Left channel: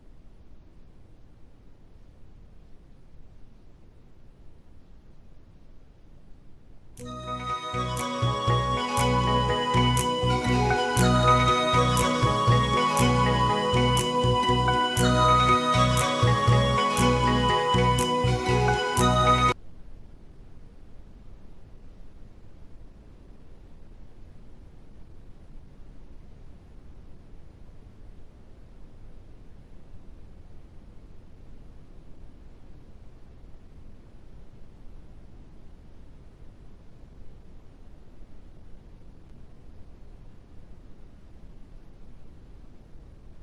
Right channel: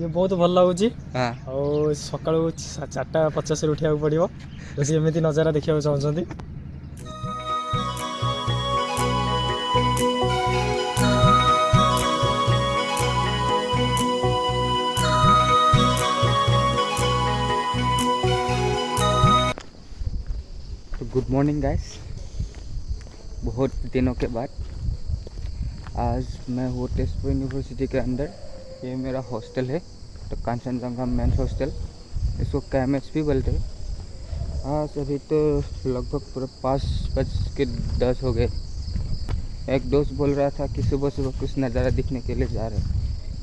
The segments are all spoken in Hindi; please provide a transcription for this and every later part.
ये बहुत भल लगुच हाँ सका 4:50 उठा पड़ो जैसे एमती नजारा देखा चाहते। तो गुड मॉर्निंग गाइस, बहुत दिनों के बाद आज मैं हूँ तेजपुर यूनिवर्सिटी के अंदर। ये मेरा हॉस्टल है, तो कांचनजंगा मेंस हॉस्टल, इसको KMHP बोलते हैं। आज अभी तो लगभग पूरा 5:10 हो गए। एक दोस्त बोल रहा था कि सुबह सुबह कुछ नज़ारा दिखने के लिए जा रहे हैं,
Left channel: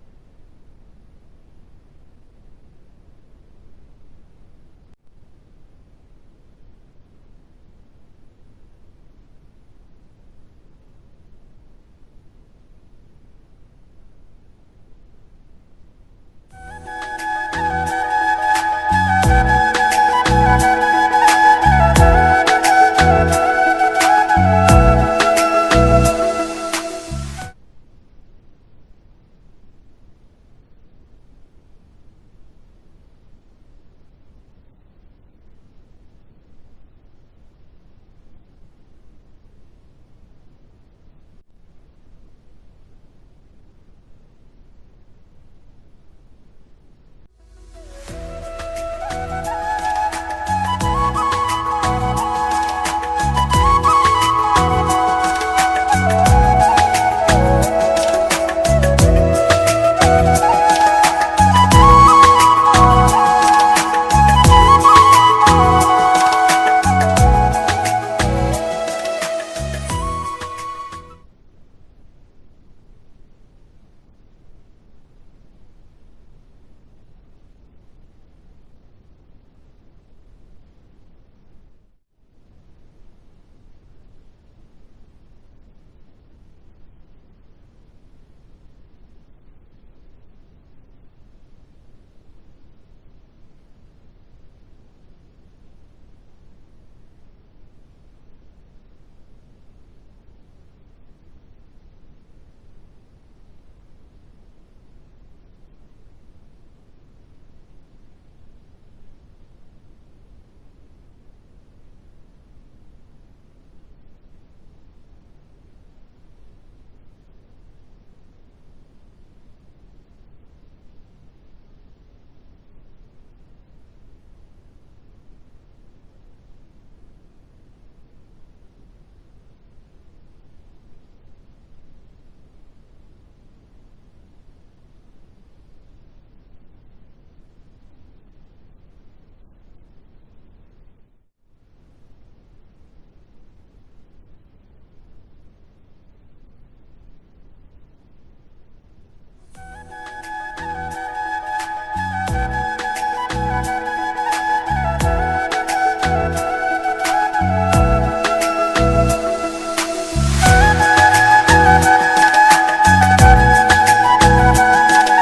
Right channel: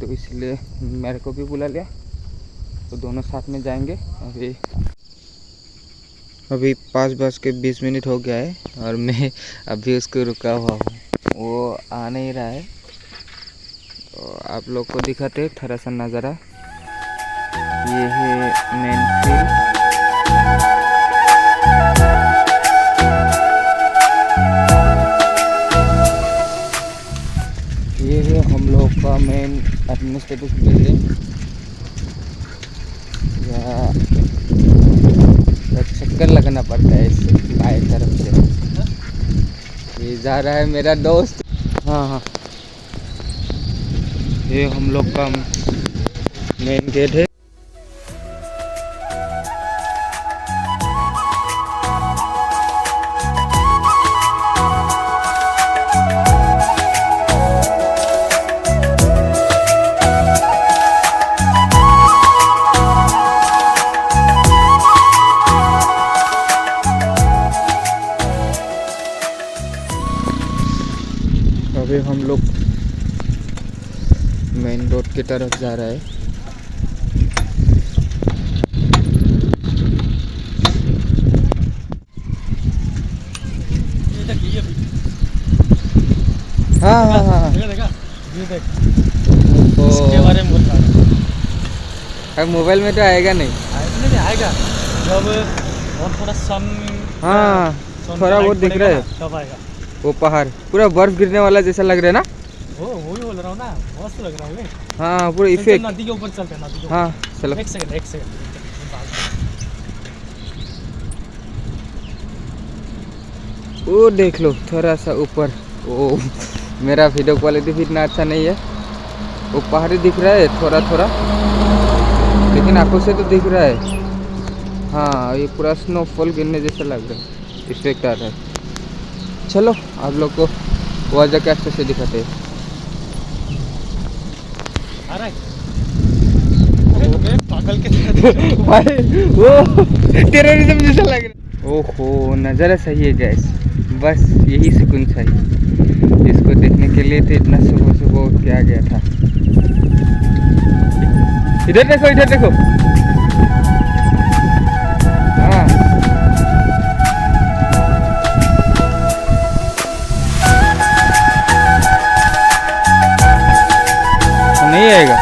तो इसलिए मेरे को भी बुला लिया, तो दोनों साथ में जाएंगे। अभी 5:20 हो गया है और मैं अभी उसको रुका हुआ हूँ, वो आ नहीं रहा है। तो आप लोग को दिखाते थोड़ा सा नज़ारा। ये है मेन, ये है हम लोग का मेन एडमिनिस्ट्रेटिव बिल्डिंग। चक्कर लगाना पड़ता है इससे बाएं तरफ से। ये जा रहा है मेरा दोस्त। हाँ हाँ, ये हम लोग का मेन गेट है। अभी हम लोग मेन रोड की तरफ जा रहा है। हाँ हाँ हाँ, ये देख तो इसके बारे में बोल रहा है। अब मोबाइल में तो आएगा नहीं। नहीं आएगा जब बहुत थोड़ा सन। हाँ, थोड़ा बहुत दिख रहा है तब आएगा। वो पहाड़ पूरा बर्फ गिरने वाला जैसा लग रहा है ना। वो ही बोल रहा हूँ ना, मस्त लग रहा है। हाँ, पूरा इफेक्ट। नदी के ऊपर चलते हैं, नदी के ऊपर। हाँ चलो। एक सेकंड वो देख लो थोड़ा सा ऊपर। वो मेरा वीडियो क्वालिटी भी इतना अच्छा नहीं है। वो पहाड़ी दिख रहा है थोड़ा थोड़ा, लेकिन आंखों से तो दिख रहा है। हाँ, ये पूरा स्नोफॉल गिरने जैसा लग रहा है, इफेक्ट आ रहा है। चलो आप लोग को वहाँ जाके अच्छे से दिखाते हैं। पागल के भाई वो टेररिज्म जैसा लग रहा है। ओहो, नज़ारा सही है गैस, बस यही सुकून चाहिए। इसको देखने के लिए तो इतना सुबह सुबह उठ के आ गया था। इधर देखो, इधर देखो। हाँ, नहीं आएगा।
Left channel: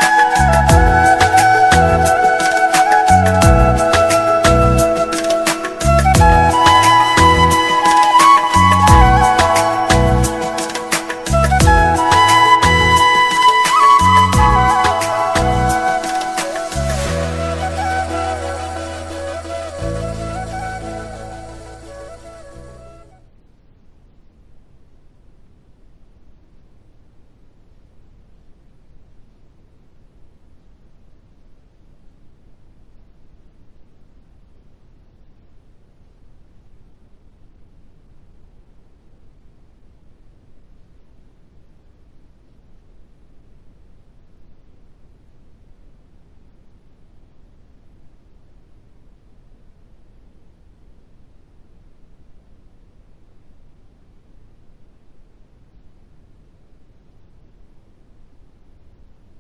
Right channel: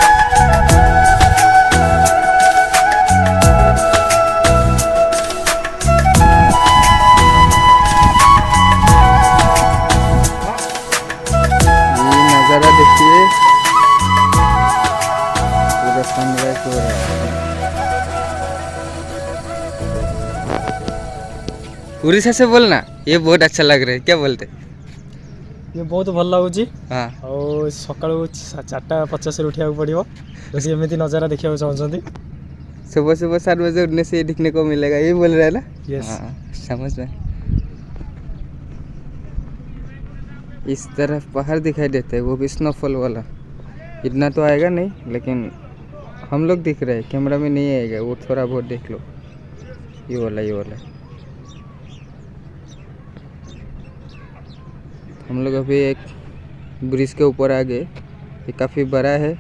उड़ीसा से बोलना, ये बहुत अच्छा लग रहा है। क्या बोलते? ये बहुत भल लगुच हाँ सका 4:50 उठा पड़ो जैसे एमती नजारा देखा चाहते। सुबह सुबह 7 बजे उठने से ये दिखने को मिलेगा, ये बोल रहा है ना। यस। हाँ समझ में। इस तरफ पहाड़ दिखाई देते हैं, वो भी स्नोफॉल वाला। इतना तो आएगा नहीं, लेकिन हम लोग दिख रहे हैं, कैमरा में नहीं आएगा। वो थोड़ा बहुत देख लो, ये वाला। हम लोग अभी एक ब्रिज के ऊपर आ गए, ये काफ़ी बड़ा है।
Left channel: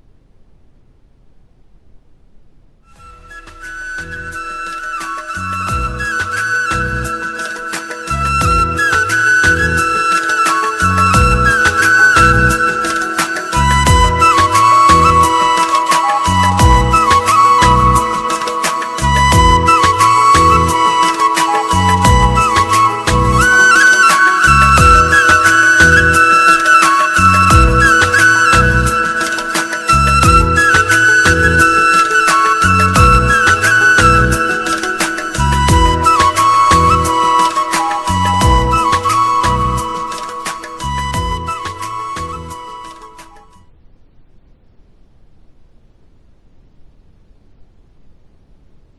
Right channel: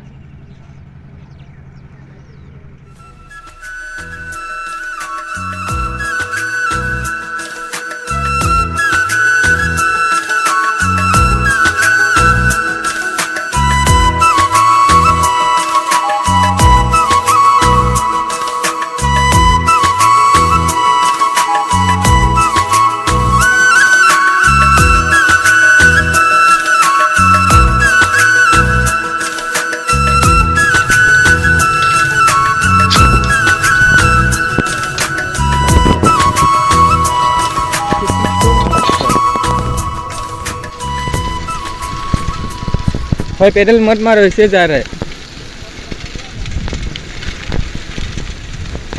भाई पैडल मत मारो, ऐसे जा रहा है।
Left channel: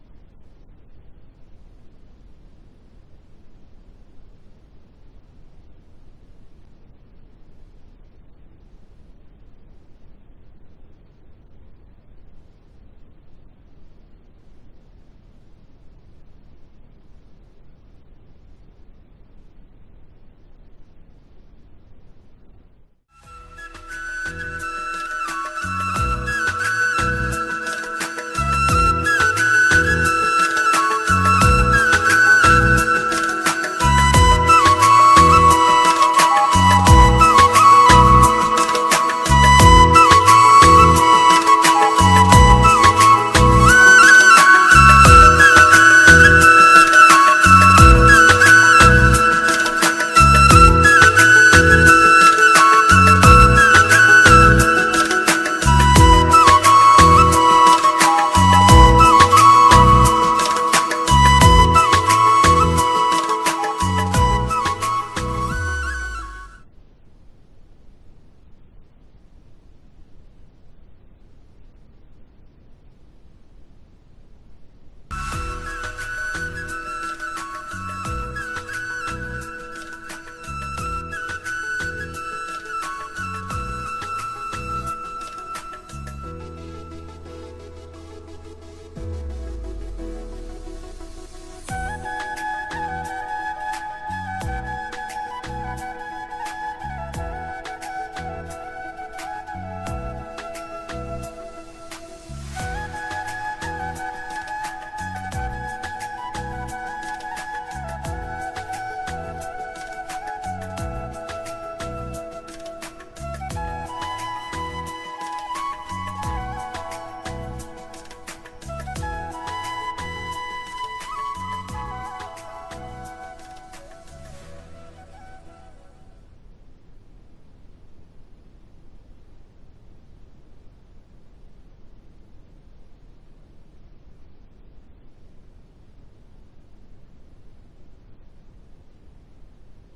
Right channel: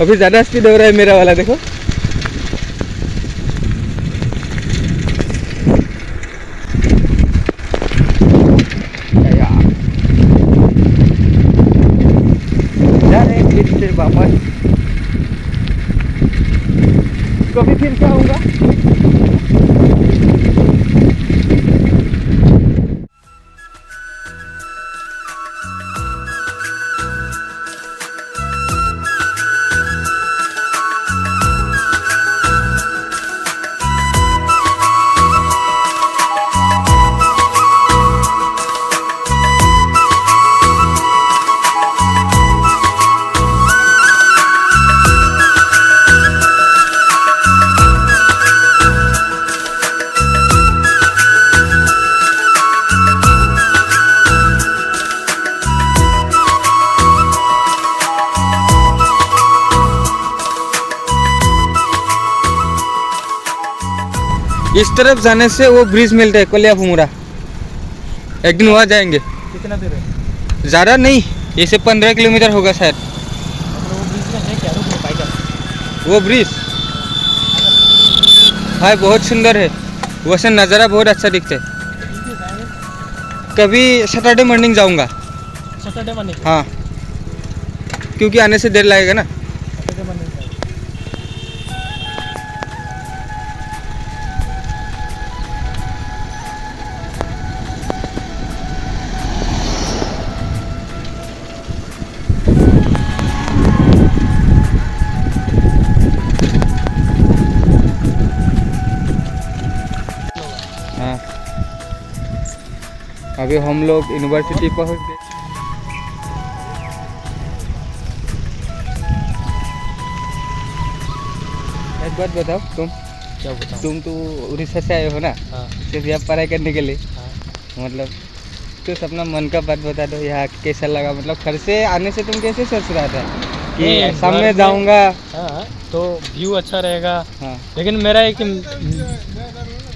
अभी ज़्यादा स्पीड हो रहा है मेरा वाला, देखो। जा रहे हैं फिर से वापस। कभी फिर से आऊँगा। इस तरफ जाने से वो ब्रिज मिलता है कोलियाफुमुरा, एक दिन वहाँ जाएंगे। कितना दूर है? ज़्यादा नहीं, ऐसे 15 किलोमीटर होगा शायद। मतलब वो ब्रिज में है क्या? रुक नहीं पाएगा वो ब्रिज भाई बहुत सुंदर है, वैसे नज़ारा बहुत अच्छा दिखता है। कभी सैटरडे मॉर्निंग जाऊँगा। Saturday morning? हाँ, क्योंकि आने से देर लगेगा ना। Saturday morning. हाँ, अभी हम लोग यूनिवर्सिटी पहुँच गए। एक बात बताओ, क्या बताऊँ? तुम तो उड़ीसा से आए हो ना, हाँ सिर्फ यहाँ पढ़ाई करने के लिए। हाँ। मतलब कुछ अपना मन का बात बता दो, यहाँ कैसा लगा? मतलब घर से आने से तुम कैसे सोच रहा था कि नहीं, शाम घर में से- जाऊँगा? हाँ तो व्यू अच्छा रहेगा, हाँ लेकिन मेरा एक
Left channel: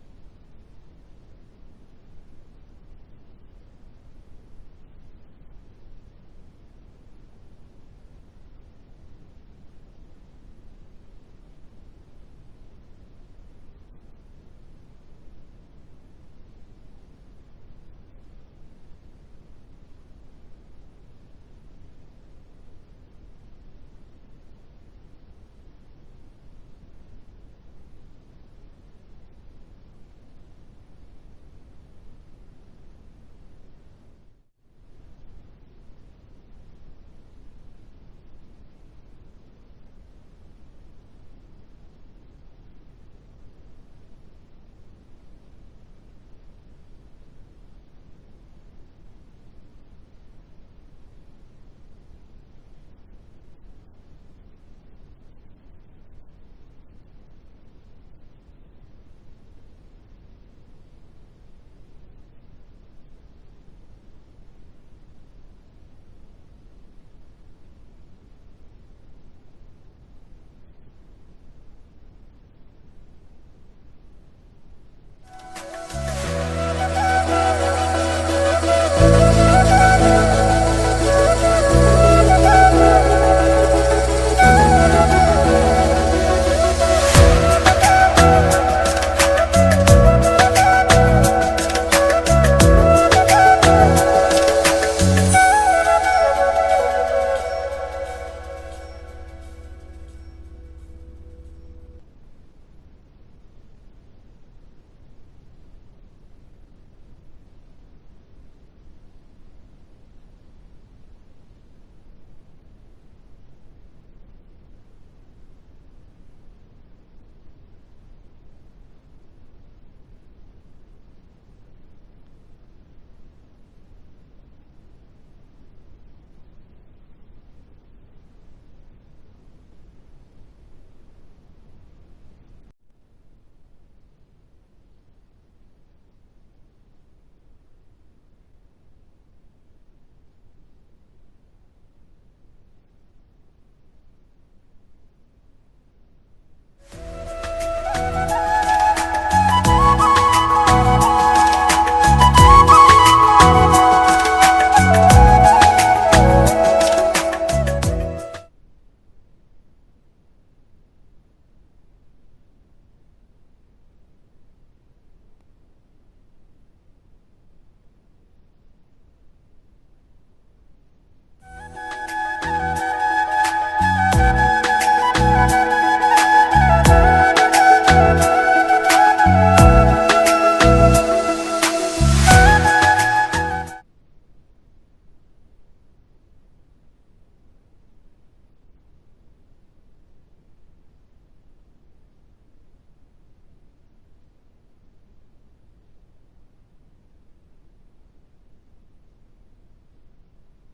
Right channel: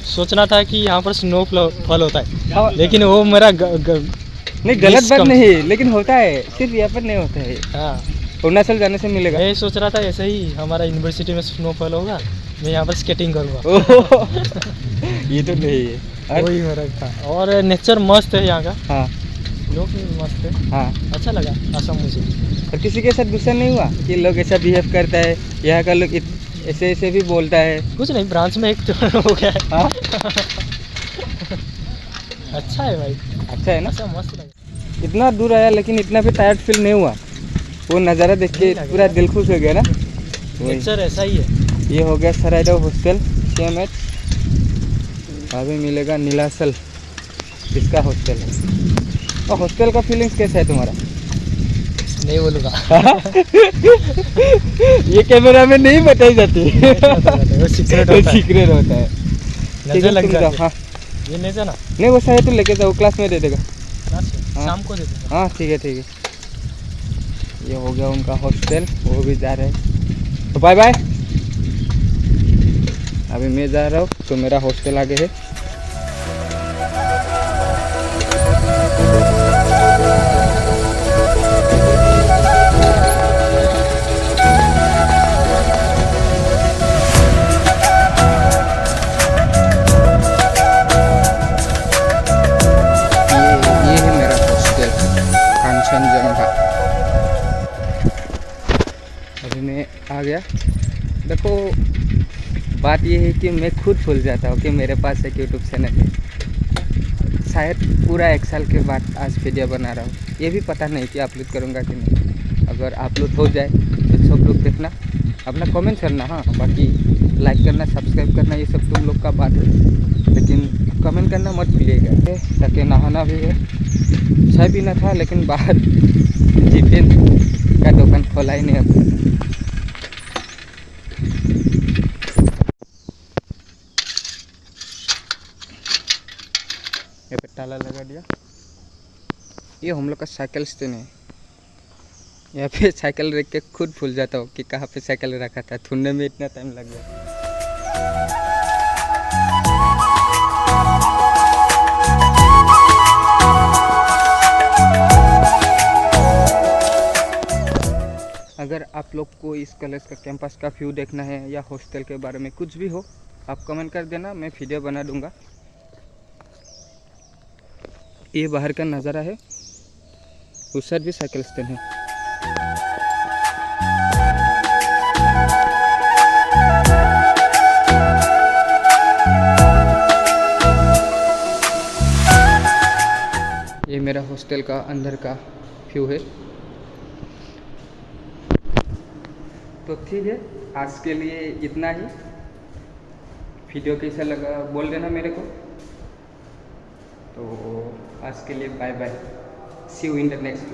सोचना था कि यहाँ पर स्नोफॉल होता है, हाँ, लेकिन वो मेरा नहीं गलत बात कम- नहीं, लेकिन होता है, सिर्फ यहाँ पर नहीं होता है, हाँ अरुणाचल जाने से मिलेगा। मैं सोच रहा था ऐसे ही हमारा यूनिवर्सिटी में स्नोफॉल होगा, मैं यहाँ पर स्केटिंग करूँगा। ओह, ये तो नहीं है। और- वही मेरा था, और नेचर मस्त है यहाँ का, हाँ लोग भी मस्त है, हाँ, अच्छा लगा असम मुझे। और किसी के साथ गुस्सा नहीं हुआ कि लोग ऐसा बिहेव करता है, यहाँ का लोग ऐसे ऐसे भी बोलता है? कुछ नहीं, ब्रांच में एक तो हो गया है। हाँ अच्छा है भाई, अच्छा है ना। अच्छा मस्त लगा। इतना दूर आया लेकिन इतना भी टायर्ड फील नहीं हुआ, वो नज़ारा देख के नहीं लगा। पूरा दिल खुश हो गया ना। वही, नेचर ऐसा ही है। ये हो गया सराइडो हॉस्टल CMH। अभी मिलेगा नीलाचल, इसका हॉस्टल है। और हॉस्टल का फीलिंग्स कैसा है तुम्हारा? नहीं बोलूँगा। ये कैमरा में नहीं बताई जाती, वो सीक्रेट होता है, सीक्रेट होता है। ठीक नजर है, लग तुम जाओ। जाती है। हाँ ये नहीं था ना, नहीं, वो शायद तो लेके जाओ, क्लास में दे देगा। हाँ। शाम को दे दूँगा। हाँ ठीक है ठीक है। ये हो गया उनका हॉस्टल, वो भी जा रहे हैं, तो बाय बाय। अभी मैं जा रहा हूँ, तो मेरा हॉस्टल आगे है। ये है मेरा हॉस्टल, कांचनजंगा। अभी मैं आ गया। देखो बात ये है कि मैं खुद भूल जाता हूँ कि मेरे पास एक यूट्यूब चैनल है। शायद पूरा 1 साल के बाद आज वीडियो बना रहा हूँ, ये भी पता नहीं कि अपलोड करूँगा कि नहीं। अगर अपलोड हो जाए तो सब लोग देखना, अपना कमेंट करना। हाँ, बाकी लाइक करना, सब्सक्राइब करना, ये सब तुम लोग का बात है, लेकिन कमेंट करना मत भूलिएगा। ताकि नहाना भी है, चाय पीना था, लेकिन बाहर टिफिन का दुकान खोला ही नहीं अपना। ये पे ताला लगा दिया। ये हम लोग का साइकिल स्टैंड है। यहाँ पे साइकिल रख के खुद भूल जाता हूँ कि कहाँ पे साइकिल रखा था, ढूंढने में इतना टाइम लग गया। अगर आप लोग को इस कॉलेज का कैंपस का व्यू देखना है या हॉस्टल के बारे में कुछ भी हो, आप कमेंट कर देना, मैं वीडियो बना दूंगा। ये बाहर का नज़ारा है, उस साइड भी साइकिल स्टैंड है। ये मेरा हॉस्टल का अंदर का व्यू है। तो ठीक है, आज के लिए इतना ही। वीडियो कैसा लगा बोल देना मेरे को। तो आज के लिए bye bye, see you in the next.